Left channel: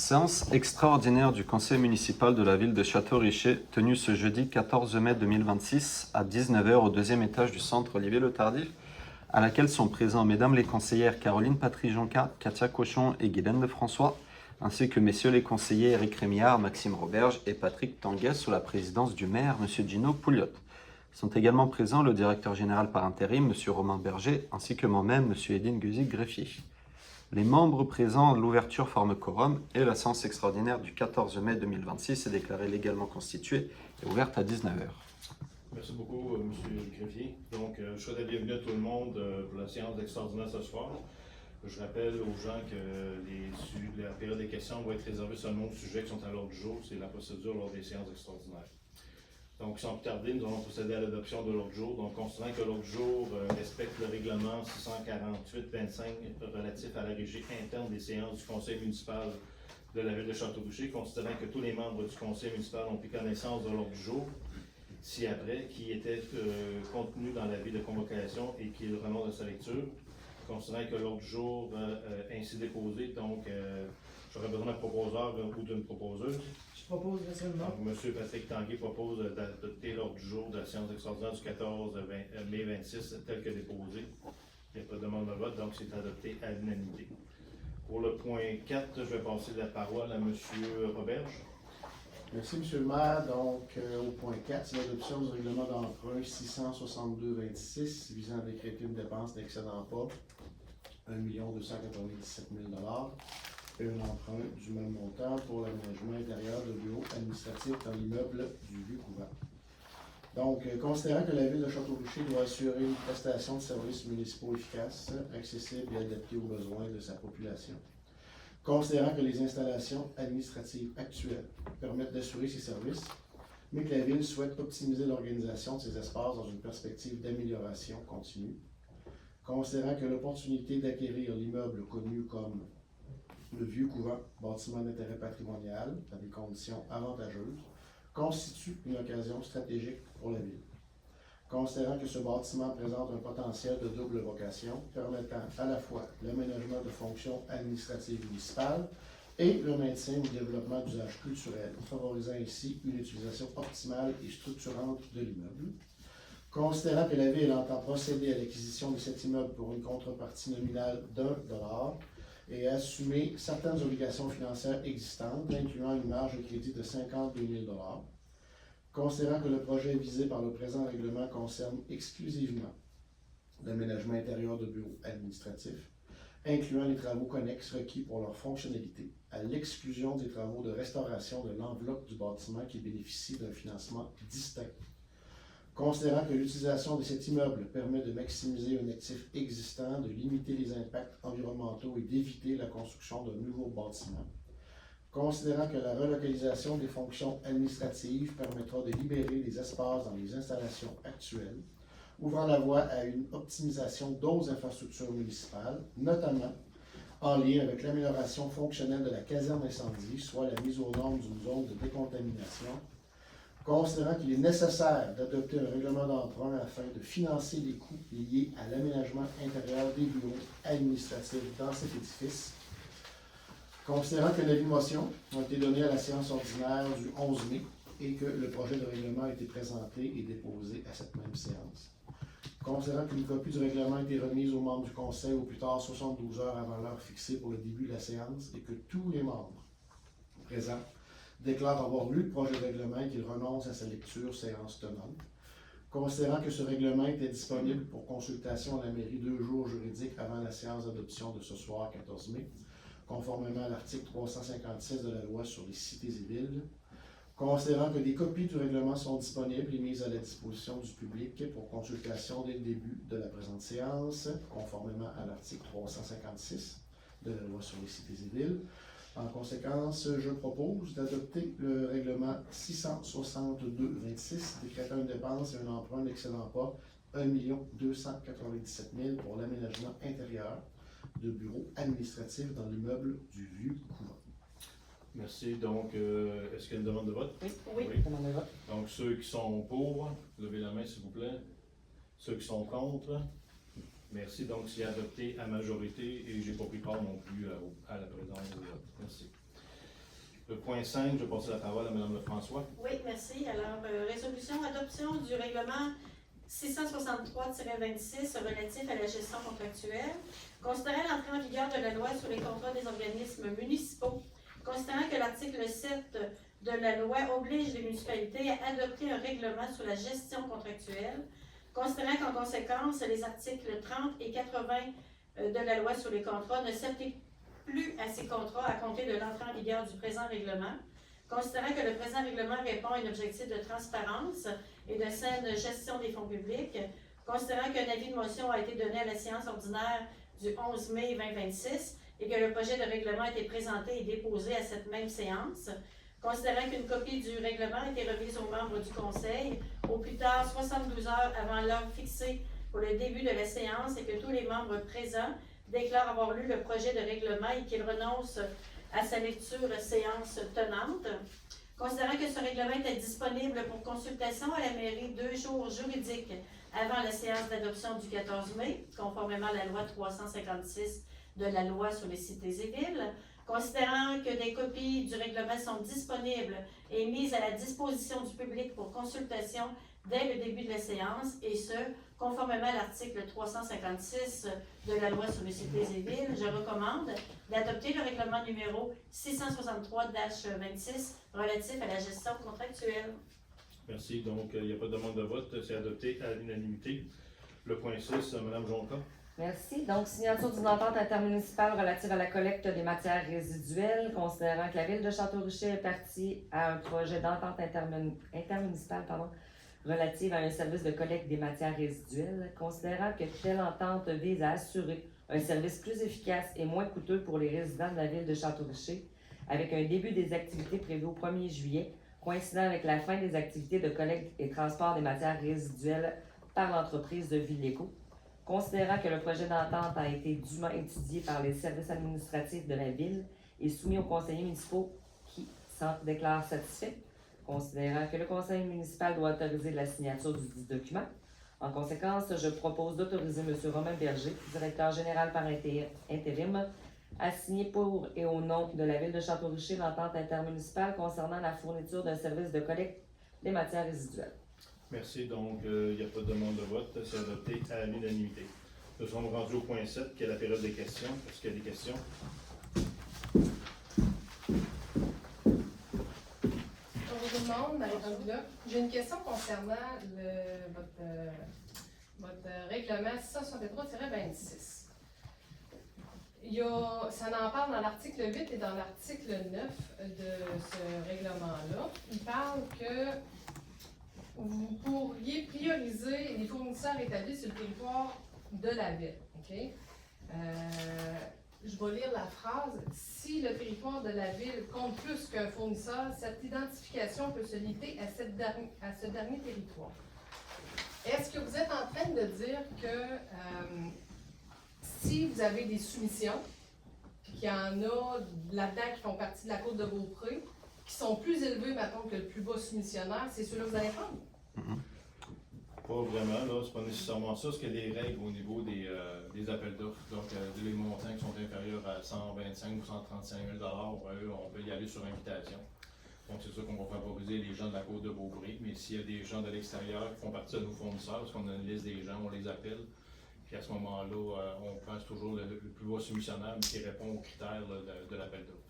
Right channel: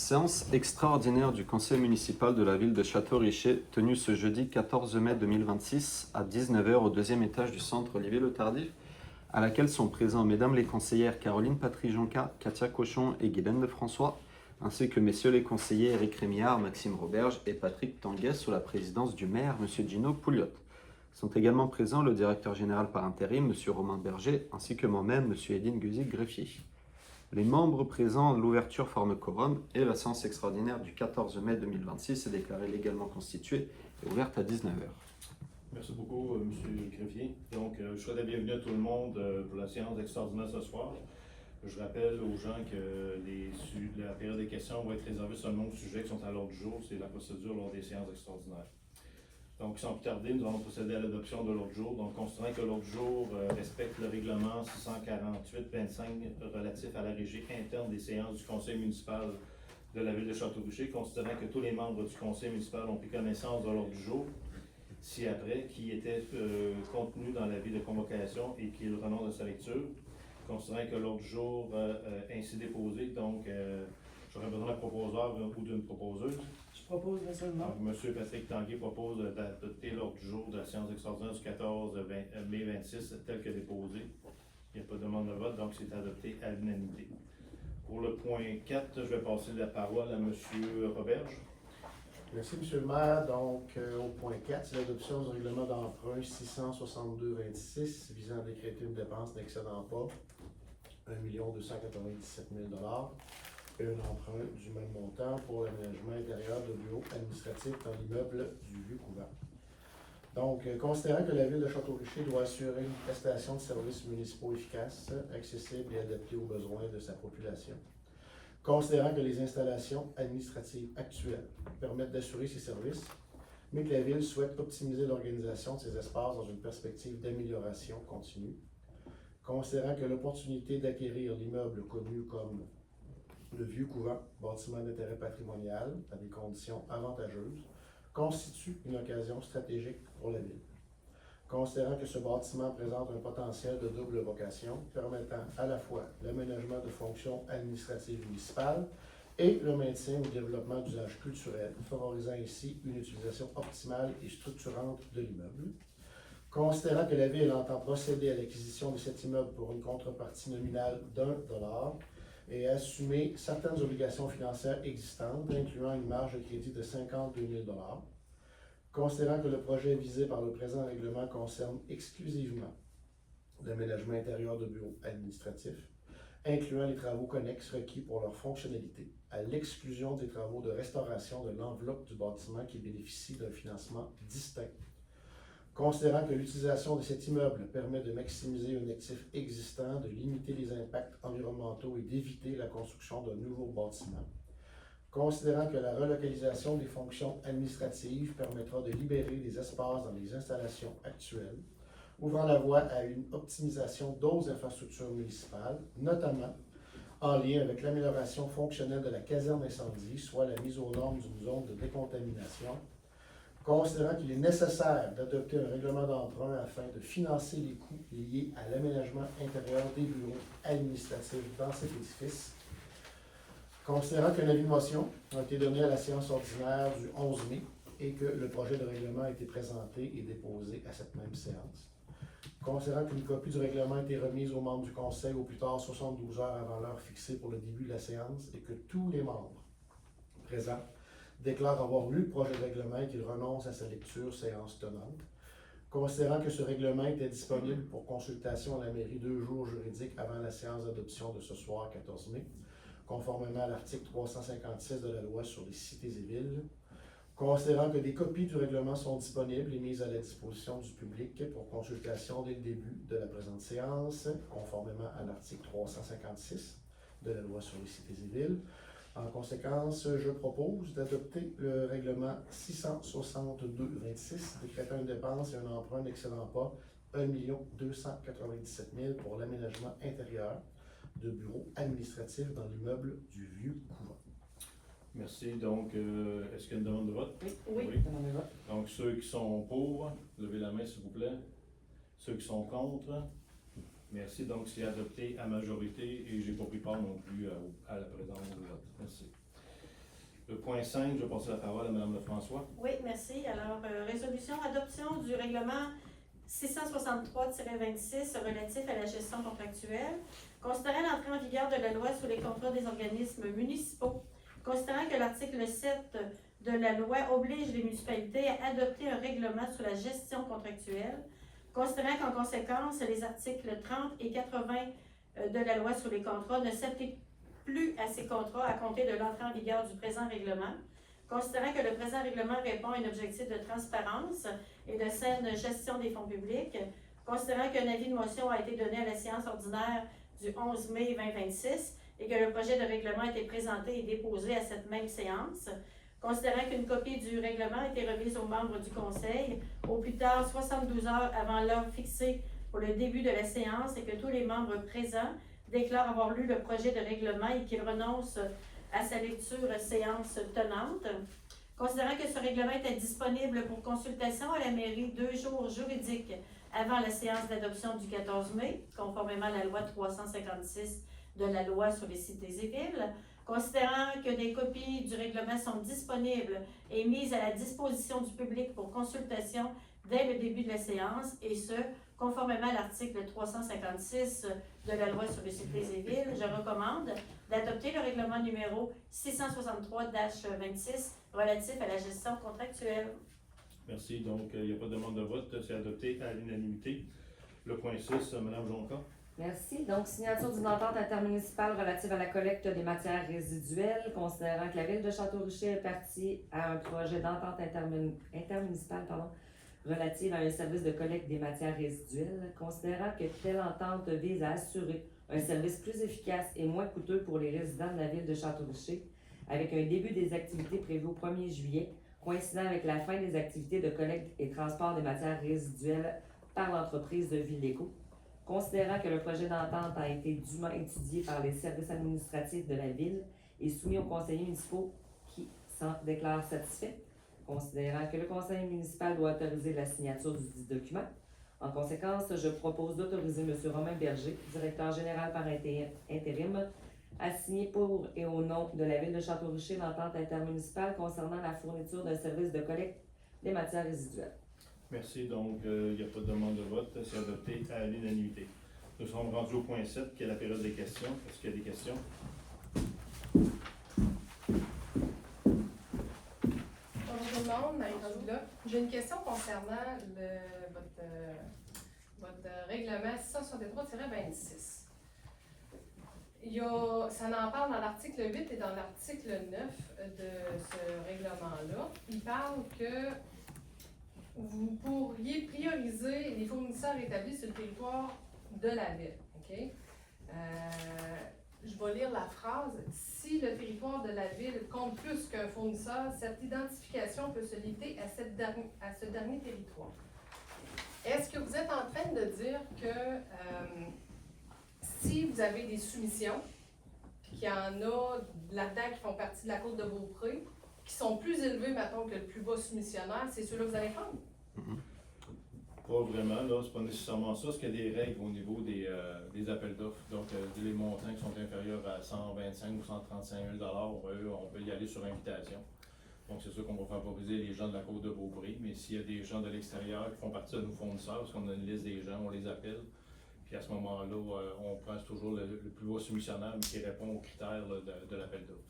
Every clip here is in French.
Séance extraordinaire du conseil municipal de la ville de Château-Richer, tenue ce jeudi 14 mai 2026 à 19 h au deuxième étage du centre Olivier-le-Tardif, à laquelle sont présents mesdames les conseillères Caroline Patry-Jonca, Katia Cochon et Guylaine Lefrançois, ainsi que messieurs les conseillers Éric Rémillard, Maxime Roberge et Patrick Tanguay sous la présidence du maire, M. Gino Pouliot. Sont également présents le directeur général par intérim, M. Romain Berger, ainsi que moi-même, M. Edine Guzik-Greffier. Les membres présents de l'ouverture forment quorum et la séance extraordinaire du 14 mai 2026 est déclarée légalement constituée et ouverte à 19 h. Merci beaucoup, M. Greffier. Donc, je souhaite la bienvenue à tout le monde pour la séance extraordinaire ce soir. Je rappelle aux gens que la période des questions va être réservée seulement aux sujets qui sont à l'ordre du jour. C'est la procédure lors des séances extraordinaires. Donc, sans plus tarder, nous allons procéder à l'adoption de l'ordre du jour. Donc, considérant que l'ordre du jour respecte le règlement 648-25 relatif à la régie interne des séances du conseil municipal de la ville de Château-Richer, considérant que tous les membres du conseil municipal ont pris connaissance de l'ordre du jour, ci-après, qui était contenu dans l'avis de convocation et qui est le renonce de sa lecture, considérant que l'ordre du jour ainsi déposé, donc j'aurais besoin d'un proposeur ou d'une proposeuse. Je propose seulement. Donc, M. Patrick Tanguay propose d'adopter l'ordre du jour de la séance extraordinaire du 14 mai 26 tel que déposé. Il n'y a pas de demande de vote, donc c'est adopté à l'unanimité. Pour le point 4, je vais passer la parole à M. Roberge. Merci, M. le maire. Donc, au point 4, c'est l'adoption du règlement d'emprunt 662-26 visant à décréter une dépense n'excédant pas 1 297 000 et un emprunt du même montant pour l'aménagement intérieur de bureaux administratifs dans l'immeuble du Vieux-Couvent. Donc, considérant que la ville de Château-Richer doit assurer une prestation de services municipaux efficace, accessible et adaptée aux besoins de sa population, considérant que les installations administratives actuelles permettent d'assurer ces services, mais que la ville souhaite optimiser l'organisation de ces espaces dans une perspective d'amélioration continue, considérant que l'opportunité d'acquérir l'immeuble connu comme le Vieux-Couvent, bâtiment d'intérêt patrimonial, à des conditions avantageuses, constitue une occasion stratégique pour la ville. Considérant que ce bâtiment présente un potentiel de double vocation, permettant à la fois l'aménagement de fonctions administratives municipales et le maintien ou développement d'usages culturels, favorisant ainsi une utilisation optimale et structurante de l'immeuble. Considérant que la ville entend procéder à l'acquisition de cet immeuble pour une contrepartie nominale d'$1 et assumer certaines obligations financières existantes, incluant une marge de crédit de 52 000 $. Considérant que le projet visé par le présent règlement concerne exclusivement l'aménagement intérieur de bureaux administratifs, incluant les travaux connexes requis pour leur fonctionnalité, à l'exclusion des travaux de restauration de l'enveloppe du bâtiment qui bénéficie d'un financement distinct. Considérant que l'utilisation de cet immeuble permet de maximiser un actif existant, de limiter les impacts environnementaux et d'éviter la construction d'un nouveau bâtiment. Considérant que la relocalisation des fonctions administratives permettra de libérer des espaces dans les installations actuelles, ouvrant la voie à une optimisation d'autres infrastructures municipales, notamment en lien avec l'amélioration fonctionnelle de la caserne incendie, soit la mise aux normes d'une zone de décontamination. Considérant qu'il est nécessaire d'adopter un règlement d'emprunt afin de financer les coûts liés à l'aménagement intérieur des bureaux administratifs dans cet édifice. Considérant qu'un avis de motion a été donné à la séance ordinaire du 11 mai et que le projet de règlement a été présenté et déposé à cette même séance. Considérant qu'une copie du règlement a été remise aux membres du conseil au plus tard 72 heures avant l'heure fixée pour le début de la séance et que tous les membres présents déclarent avoir lu le projet de règlement et qu'il renonce à sa lecture séance tenante. Considérant que ce règlement était disponible pour consultation à la mairie 2 jours juridiques avant la séance d'adoption de ce soir 14 mai, conformément à l'article 356 de la loi sur les cités et villes. Considérant que des copies du règlement sont disponibles et mises à la disposition du public pour consultation dès le début de la présente séance, conformément à l'article 356 de la loi sur les cités et villes. En conséquence, je propose d'adopter le règlement 662-26, décrétant une dépense et un emprunt n'excédant pas 1 297 000 pour l'aménagement intérieur de bureaux administratifs dans l'immeuble du Vieux-Couvent. Merci. Donc, est-ce qu'il y a une demande de vote? Oui. Demande de vote. Donc, ceux qui sont pour, levez la main s'il vous plaît. Ceux qui sont contre, merci. Donc, c'est adopté à majorité et je n'ai pas pris part non plus à la présence du vote. Merci. Le point 5, je vais passer la parole à Mme Lefrançois. Oui, merci. Alors, résolution adoption du règlement 663-26 relatif à la gestion contractuelle. Considérant l'entrée en vigueur de la loi sur les contrats des organismes municipaux, considérant que l'article 7 de la loi oblige les municipalités à adopter un règlement sur la gestion contractuelle, considérant qu'en conséquence, les articles 30 et 80 de la loi sur les contrats ne s'appliquent plus à ces contrats à compter de l'entrée en vigueur du présent règlement, considérant que le présent règlement répond à un objectif de transparence et de saine gestion des fonds publics, considérant qu'un avis de motion a été donné à la séance ordinaire du 11 mai 2026 et que le projet de règlement a été présenté et déposé à cette même séance, considérant qu'une copie du règlement a été remise aux membres du Conseil au plus tard 72 heures avant l'heure fixée pour le début de la séance et que tous les membres présents déclarent avoir lu le projet de règlement et qu'ils renoncent à sa lecture séance tenante. Considérant que ce règlement était disponible pour consultation à la mairie 2 jours juridiques avant la séance d'adoption du 14 mai, conformément à la loi 356 de la loi sur les cités et villes, considérant que des copies du règlement sont disponibles et mises à la disposition du public pour consultation dès le début de la séance, et ce, conformément à l'article 356 de la loi sur les cités et villes, je recommande d'adopter le règlement numéro 663-26 relatif à la gestion contractuelle. Merci. Donc, il n'y a pas de demande de vote. C'est adopté à l'unanimité. Le point 6, Mme Jonca. Merci. Donc, signature d'une entente intermunicipale relative à la collecte des matières résiduelles, considérant que la ville de Château-Richer est partie à un projet d'entente intermunicipale relative à un service de collecte des matières résiduelles, considérant que telle entente vise à assurer un service plus efficace et moins coûteux pour les résidents de la ville de Château-Richer, avec un début des activités prévues au 1er juillet, coïncidant avec la fin des activités de collecte et transport des matières résiduelles par l'entreprise de Villéco. Considérant que le projet d'entente a été dûment étudié par les services administratifs de la ville et soumis aux conseillers municipaux qui s'en déclarent satisfaits, considérant que le conseil municipal doit autoriser la signature du dit document. En conséquence, je propose d'autoriser M. Romain Berger, directeur général par intérim, à signer pour et au nom de la ville de Château-Richer l'entente intermunicipale concernant la fourniture d'un service de collecte des matières résiduelles. Merci. Donc, il n'y a pas de demande de vote. C'est adopté à l'unanimité. Nous sommes rendus au point 7, qui est la période des questions. Est-ce qu'il y a des questions? Bonjour tout le monde, Marie-Rose là. J'ai une question concernant votre règlement 663-26. Ça en parle dans l'article 8 et dans l'article 9 de ce règlement-là. Il parle que vous pourriez prioriser les fournisseurs établis sur le territoire de la ville. Okay? Je vais lire la phrase. Si le territoire de la ville compte plus qu'un fournisseur, cette identification peut se limiter à ce dernier territoire. Est-ce que vous êtes en train de dire que si vous avez des soumissions, puis qu'il y en a là-dedans qui font partie de la côte de Beaupré, qui sont plus élevés, mettons, que le plus bas soumissionnaire, c'est ceux-là que vous allez prendre? Pas vraiment, là, c'est pas nécessairement ça, parce qu'il y a des règles au niveau des appels d'offres. Donc, les montants qui sont inférieurs à 125 ou 135 000 on peut y aller sur invitation. Donc, c'est sûr qu'on va favoriser les gens de la côte de Beaupré, mais s'il y a des gens de l'extérieur qui font partie de nos fournisseurs, parce qu'on a une liste des gens, on les appelle. Puis à ce moment-là, on prend toujours le plus bas soumissionnaire, mais qui répond aux critères là, de l'appel d'offres.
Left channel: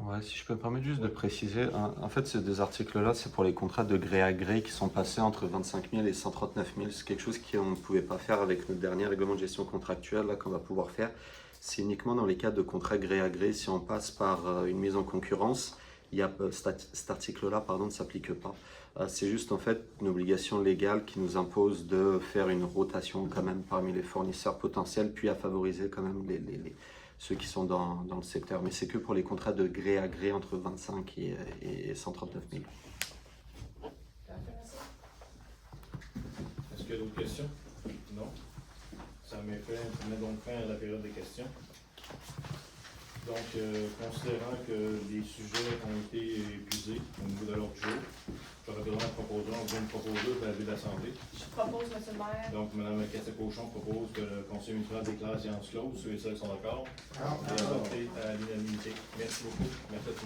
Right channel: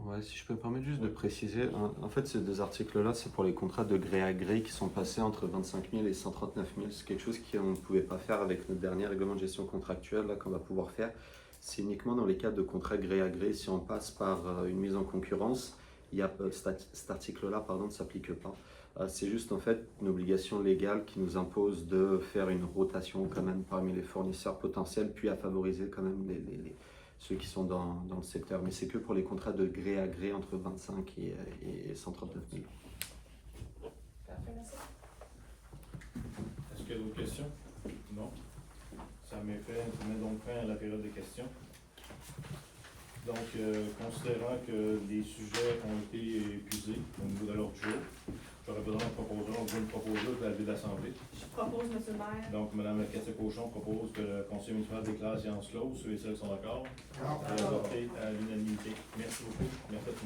Ouais, si je peux me permettre juste de préciser, en fait, ces deux articles-là, c'est pour les contrats de gré à gré qui sont passés entre 25 000 et 139 000. C'est quelque chose qu'on ne pouvait pas faire avec notre dernier règlement de gestion contractuelle, là, qu'on va pouvoir faire. C'est uniquement dans les cas de contrats gré à gré. Si on passe par une mise en concurrence, cet article-là, ne s'applique pas. C'est juste en fait une obligation légale qui nous impose de faire une rotation quand même parmi les fournisseurs potentiels, puis à favoriser quand même ceux qui sont dans le secteur. Mais c'est que pour les contrats de gré à gré entre 25 et 139 000. Est-ce qu'il y a d'autres questions? Non? Ça met donc fin à la période des questions. Donc, considérant que les sujets ont été épuisés au niveau de l'ordre du jour, j'aurais besoin d'un proposeur, une proposeuse de la Ville de la Santé. Je propose, M. le maire. Donc, Mme Cathy Cochon propose que le Conseil municipal déclare la séance close. Ceux et celles sont d'accord. Adopté adopté à l'unanimité. Merci beaucoup. Merci à tous.